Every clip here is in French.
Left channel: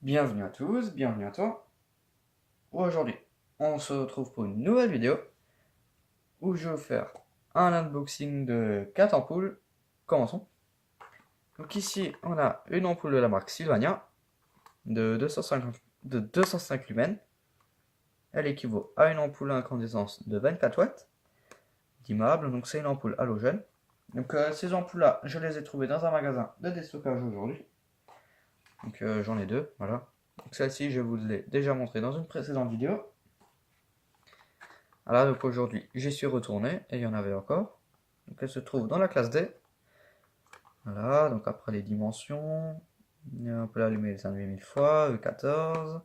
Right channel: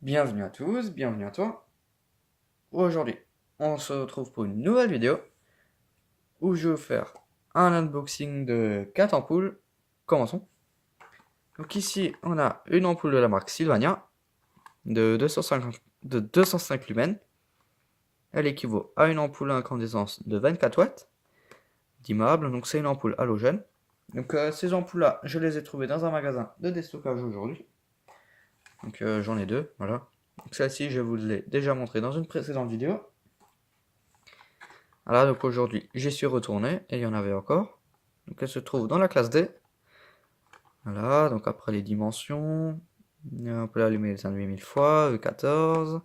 Bienvenue à tous, bienvenue à toi. Aujourd'hui, on se retrouve pour une nouvelle vidéo où je vais vous faire un unboxing de 4 ampoules. Commençons. Donc ici, on a une ampoule de la marque Sylvania de 205 lumens. Elle équivaut à une ampoule à incandescence de 24 watts dimmable, donc c'est une ampoule halogène. Donc ces ampoules-là, je les ai trouvées dans un magasin de déstockage aujourd'hui. Donc j'en ai deux, voilà. Donc celle-ci, je vous l'ai déjà montré dans une précédente vidéo. Voilà, donc aujourd'hui, j'y suis retourné et il y en avait encore. Donc elle se trouve dans la classe D. Voilà, donc après les dimensions, on peut l'allumer les 1000 fois, E14,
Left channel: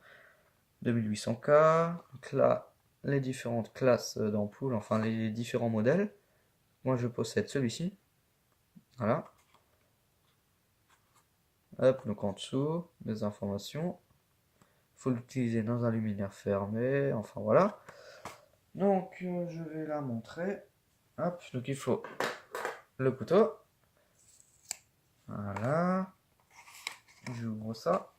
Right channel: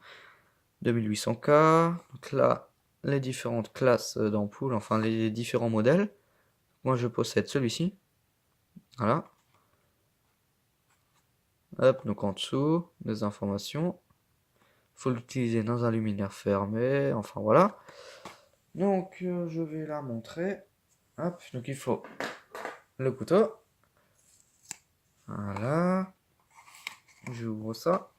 2800K. Donc là, les différentes classes d'ampoules, enfin les différents modèles. Moi, je possède celui-ci. Voilà. Hop, donc en dessous, des informations. Il faut l'utiliser dans un luminaire fermé. Enfin voilà. Donc, je vais la montrer. Hop, donc il faut le couteau. Voilà. J'ouvre ça.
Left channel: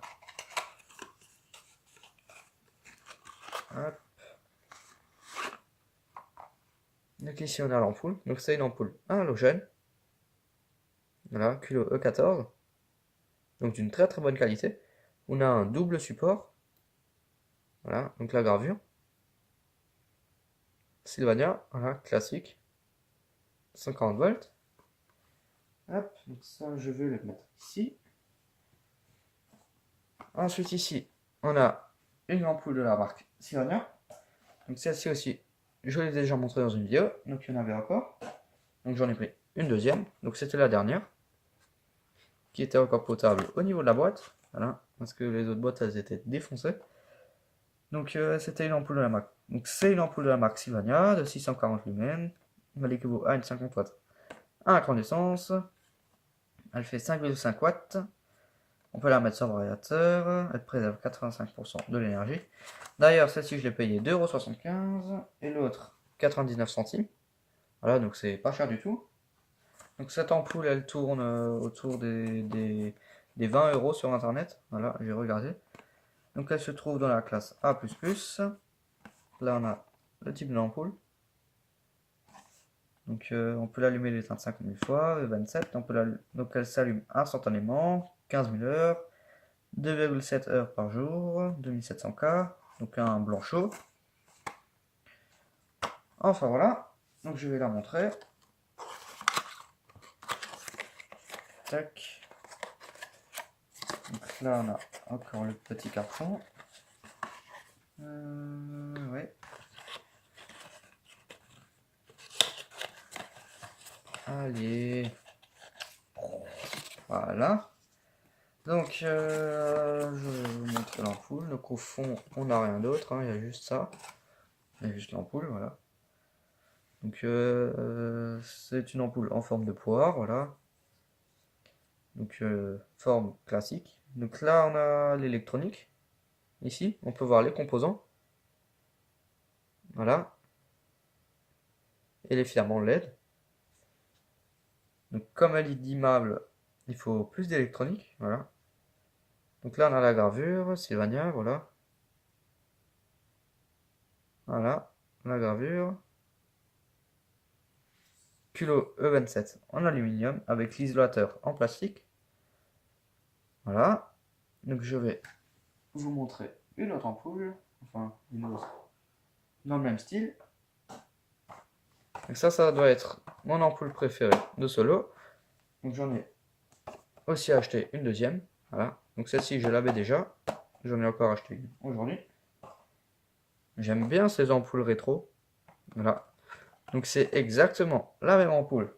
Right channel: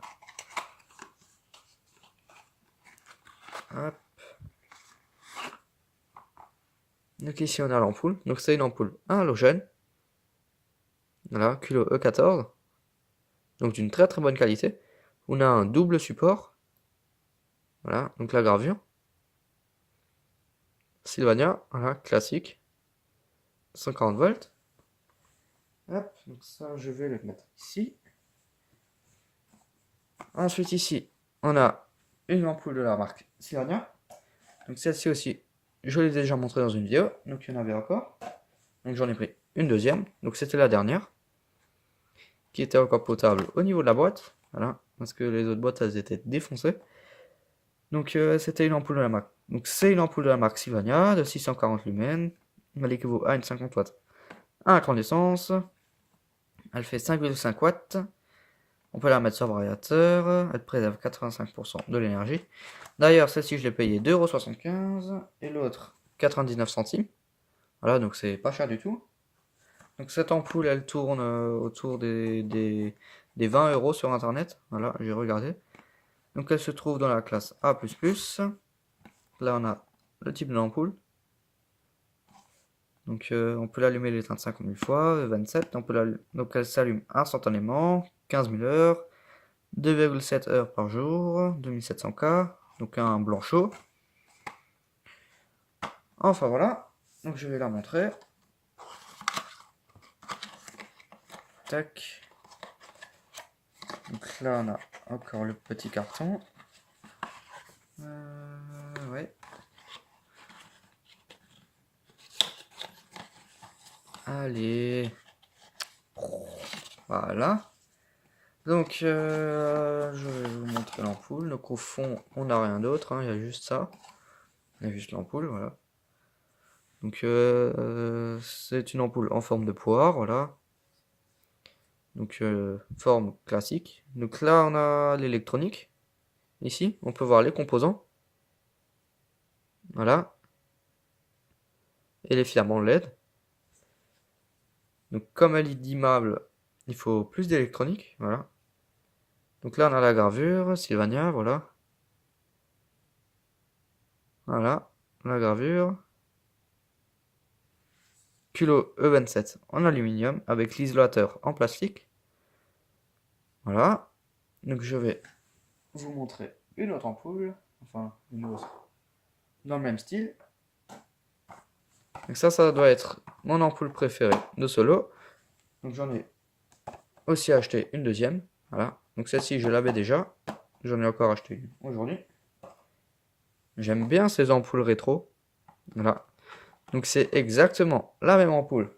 Hop. Donc ici on a l'ampoule. Donc c'est une ampoule halogène. Voilà, culot E14. Donc d'une très très bonne qualité. On a un double support. Voilà, donc la gravure. Sylvania, voilà, classique. 140 volts. Hop, donc ça je vais le mettre ici. Ensuite ici, on a une ampoule de la marque Sylvania. Donc celle-ci aussi, je l'ai déjà montré dans une vidéo. Donc il y en avait encore. Donc j'en ai pris une deuxième. Donc c'était la dernière. Qui était encore potable au niveau de la boîte. Voilà, parce que les autres boîtes elles étaient défoncées. Donc c'était une ampoule de la marque. Donc c'est une ampoule de la marque Sylvania de 640 lumens. Elle équivaut à une 50 watts à incandescence. Elle fait 5,5 watts. On peut la mettre sur variateur. Elle préserve 85% de l'énergie. D'ailleurs, celle-ci, je l'ai payée 2,75 € et l'autre 99 centimes. Voilà, donc c'est pas cher du tout. Donc cette ampoule, elle tourne autour des 20 € sur internet. Voilà, j'ai regardé. Donc elle se trouve dans la classe A++. Là, on a le type de l'ampoule. Donc on peut l'allumer l'éteindre 50 000 fois, 27. Donc elle s'allume instantanément, 15 000 heures, 2,7 heures par jour, 2700K. Donc un blanc chaud. Enfin voilà. Donc je vais la montrer. Tac. Donc là, on a encore le petit carton. Ouais. Allez. Voilà. Donc, je vais vous montrer l'ampoule. Donc, au fond, on n'a rien d'autre, hein, il y a juste ça. Il y a juste l'ampoule, voilà. Donc, c'est une ampoule en forme de poire, voilà. Donc, forme classique. Donc là, on a l'électronique. Ici, on peut voir les composants. Voilà. Et les filaments LED. Donc, comme elle est dimmable, il faut plus d'électronique, voilà. Donc là, on a la gravure, Sylvania, voilà. Voilà, la gravure. Culot E27 en aluminium avec l'isolateur en plastique. Voilà. Donc je vais vous montrer une autre ampoule. Enfin, une autre. Dans le même style. Donc ça doit être mon ampoule préférée de Solo. Donc j'en ai aussi acheté une deuxième. Voilà. Donc celle-ci, je l'avais déjà. J'en ai encore acheté une aujourd'hui. J'aime bien ces ampoules rétro. Voilà. Donc c'est exactement la même ampoule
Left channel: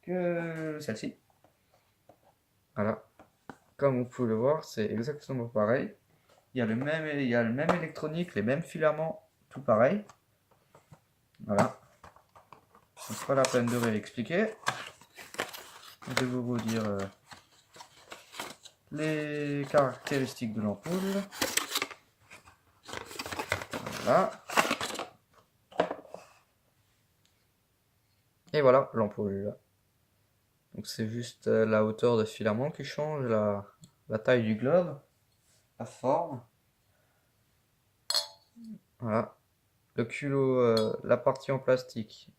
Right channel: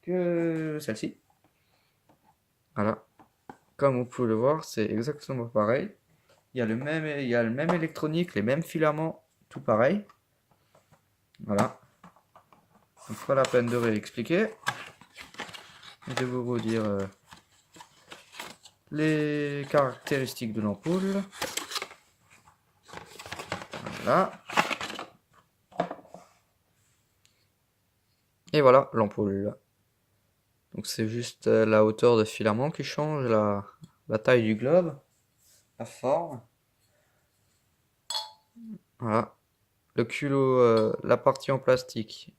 que celle-ci. Voilà. Comme vous pouvez le voir, c'est exactement pareil. Il y a le même électronique, les mêmes filaments, tout pareil. Voilà. C'est pas la peine de réexpliquer. Je vais vous dire les caractéristiques de l'ampoule. Voilà. Et voilà l'ampoule. Donc c'est juste la hauteur de filament qui change, la taille du globe. la forme. Voilà. Le culot, la partie en plastique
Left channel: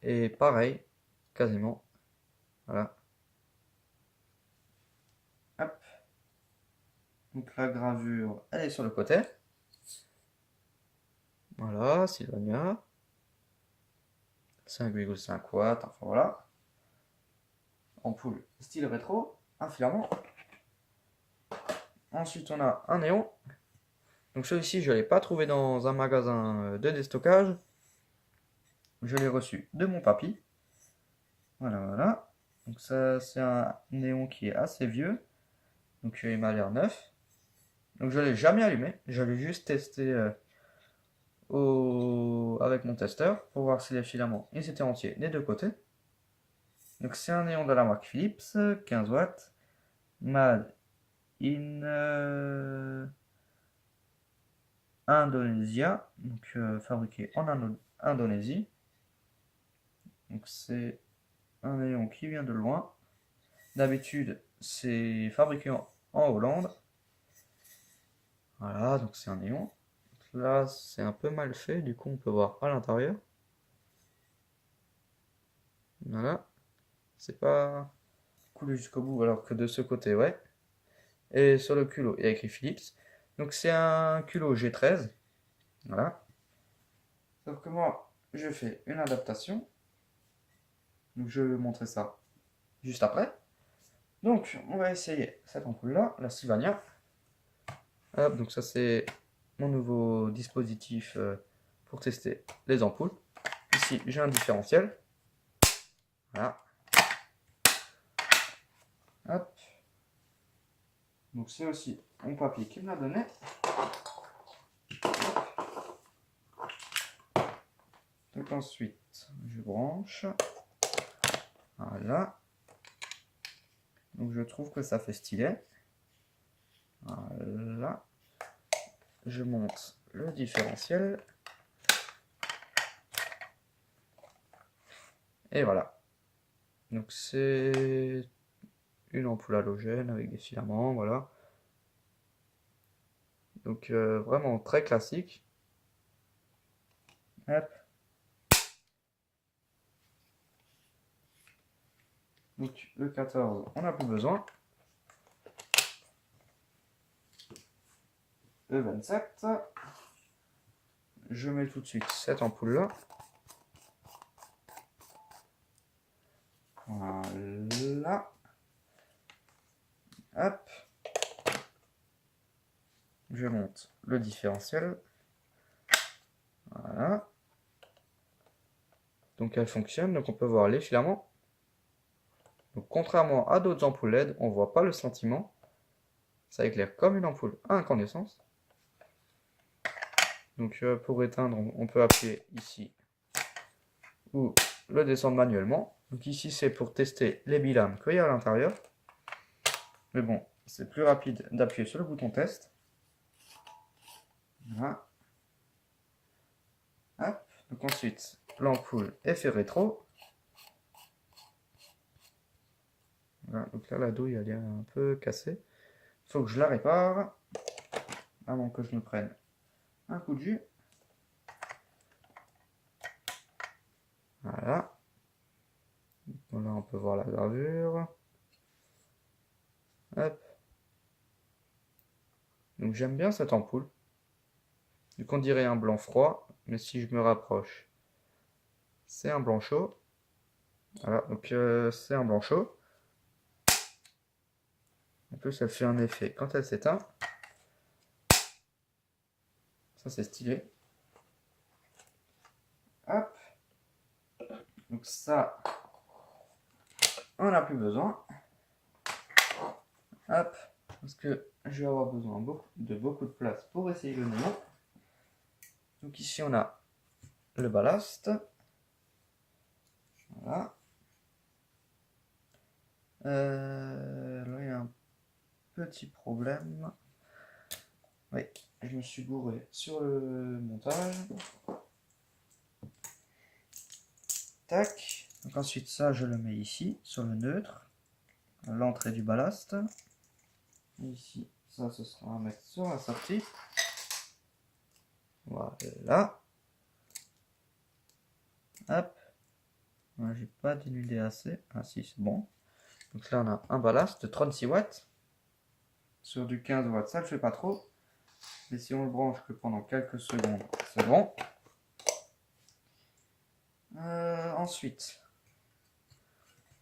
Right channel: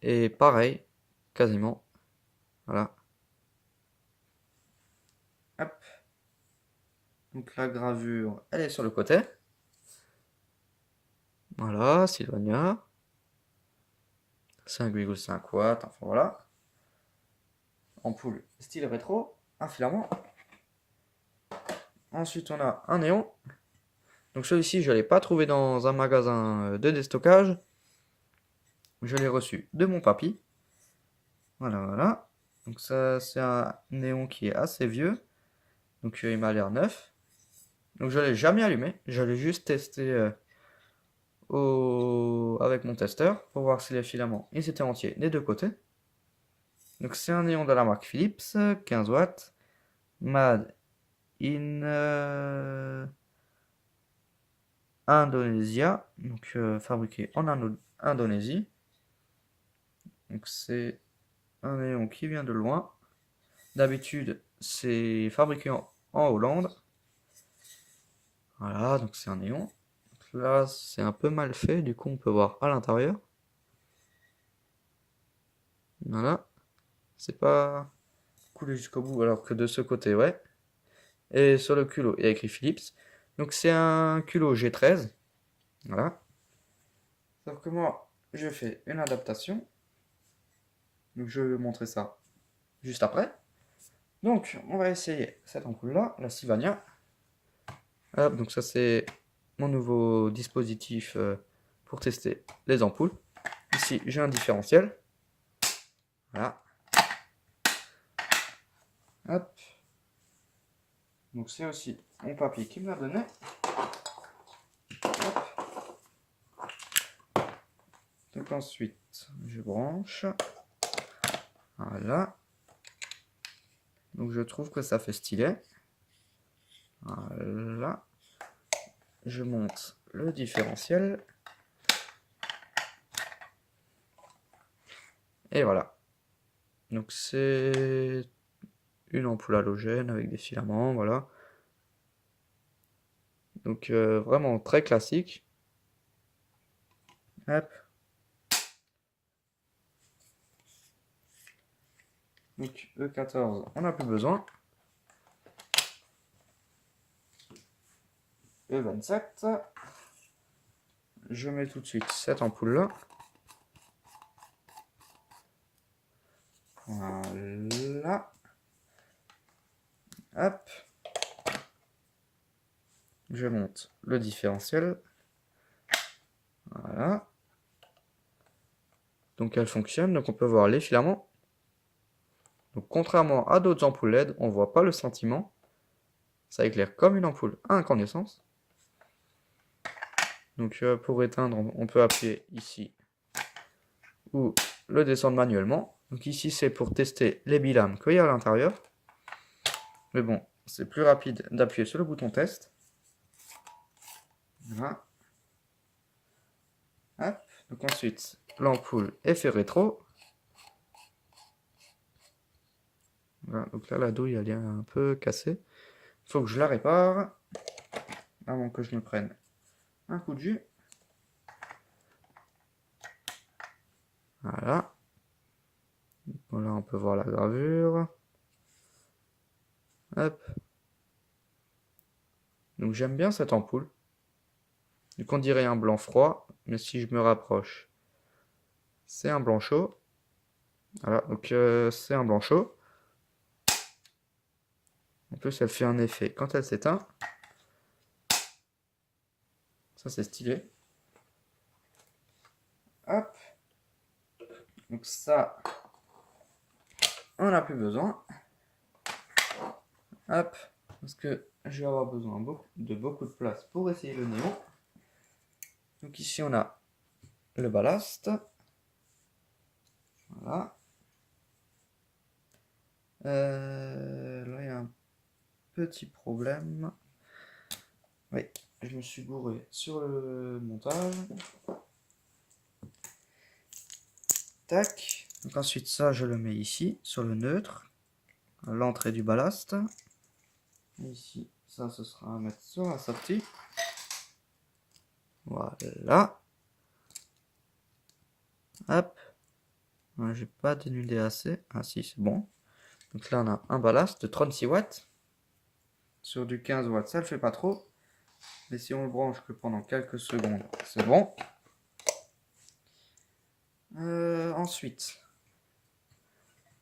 est pareil, quasiment. Voilà. Hop. Donc la gravure, elle est sur le côté. Voilà, Sylvania. 5,5 watts, enfin voilà. Ampoule style rétro, un filament. Ensuite, on a un néon. Donc celui-ci, je ne l'ai pas trouvé dans un magasin de déstockage. Je l'ai reçu de mon papy. Voilà, voilà. Donc ça, c'est un néon qui est assez vieux. Donc il m'a l'air neuf. Donc je ne l'ai jamais allumé. Je l'ai juste testé avec mon testeur pour voir si les filaments ils étaient entiers des deux côtés. Donc c'est un néon de la marque Philips, 15 watts. Made in Indonesia. Donc fabriqué en Indonésie. Donc c'est un néon qui vient de loin. D'habitude, c'est fabriqué en Hollande. Voilà, donc c'est un néon. Donc là, c'est un peu mal fait, du coup, on peut voir à l'intérieur. Voilà, c'est pas coulé jusqu'au bout, alors que de ce côté, ouais. Et sur le culot, il y a écrit Philips. Donc c'est un culot G13. Voilà. Sauf que moi, je fais une adaptation. Donc je vais montrer ça juste après. Donc, on va essayer cette ampoule-là, la Sylvania. Hop, donc ça c'est mon nouveau dispositif pour tester les ampoules. Ici, j'ai un différentiel. Voilà. Hop. Donc c'est aussi mon papy qui me l'a donné. Hop. Donc ensuite, je branche. Voilà. Donc je trouve que ça fait stylé. Voilà. Je monte le différentiel. Et voilà. Donc c'est une ampoule halogène avec des filaments, voilà. Donc vraiment très classique. Hop. Donc E14, on n'a plus besoin. E27. Je mets tout de suite cette ampoule là. Voilà. Hop. Je monte le différentiel. Voilà. Donc elle fonctionne, donc on peut voir les filaments. Donc contrairement à d'autres ampoules LED, on ne voit pas le sentiment. Ça éclaire comme une ampoule à incandescence. Donc pour éteindre, on peut appuyer ici ou le descendre manuellement. Donc ici c'est pour tester les bilames qu'il y a à l'intérieur. Mais bon, c'est plus rapide d'appuyer sur le bouton test. Voilà. Hop. Donc ensuite, l'ampoule effet rétro. Voilà. Donc là, la douille elle est un peu cassée. Il faut que je la répare avant que je ne prenne un coup de jus. Voilà. Donc là, on peut voir la gravure. Hop. Donc j'aime bien cette ampoule. Donc on dirait un blanc froid, mais si je me rapproche, c'est un blanc chaud. Voilà, donc c'est un blanc chaud. En plus, elle fait un effet quand elle s'éteint. Ça, c'est stylé. Hop. Donc ça, on n'a plus besoin. Hop. Parce que je vais avoir besoin de beaucoup de place pour essayer le néon. Donc ici, on a le ballast. Voilà. Là, il y a un petit problème. Oui, je me suis gouré sur le montage. Tac. Donc ensuite, ça, je le mets ici, sur le neutre, à l'entrée du ballast. Et ici, Ça, ce sera à mettre sur la sortie. Voilà. Hop. J'ai pas dénudé assez. Ah si, c'est bon. Donc là, on a un ballast de 36 watts. Sur du 15 watts, ça ne le fait pas trop. Mais si on le branche que pendant quelques secondes, c'est bon. Ensuite,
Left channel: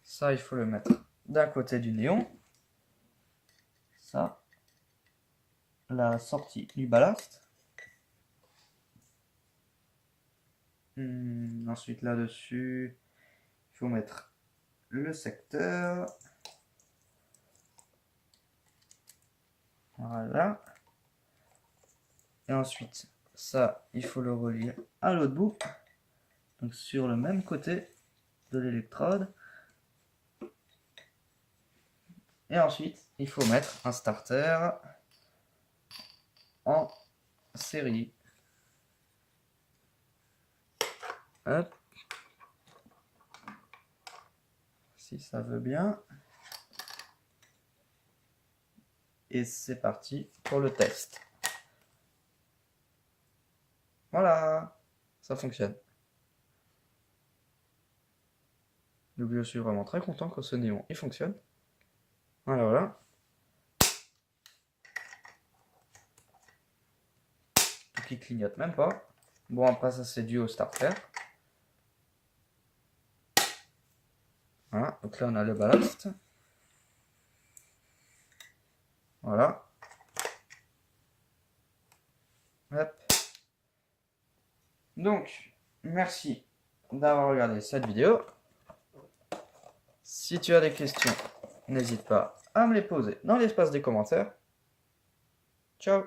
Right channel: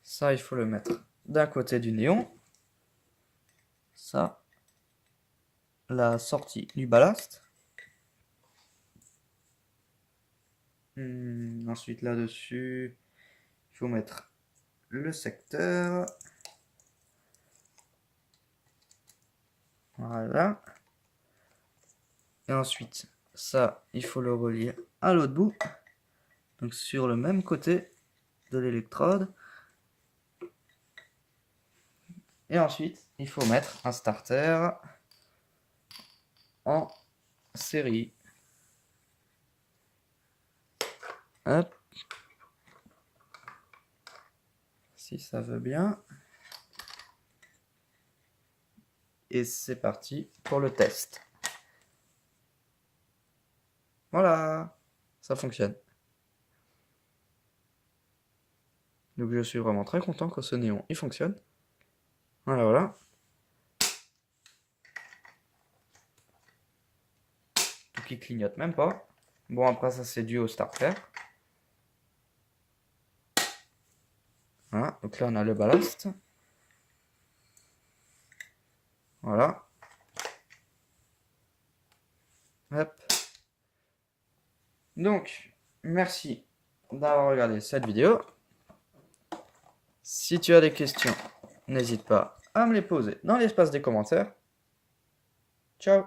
ça, il faut le mettre d'un côté du néon. Ça, la sortie du ballast. Ensuite, là-dessus, il faut mettre le secteur. Voilà. Et ensuite, ça, il faut le relier à l'autre bout. Donc sur le même côté de l'électrode. Et ensuite, il faut mettre un starter en série. Hop. Si ça veut bien. Et c'est parti pour le test. Voilà, ça fonctionne. Donc je suis vraiment très content que ce néon il fonctionne. Voilà, voilà. Tout qui clignote même pas. Bon, après ça c'est dû au starter. Voilà, donc là on a le ballast. Voilà. Hop. Donc, merci d'avoir regardé cette vidéo. Si tu as des questions, n'hésite pas à me les poser dans l'espace des commentaires. Ciao!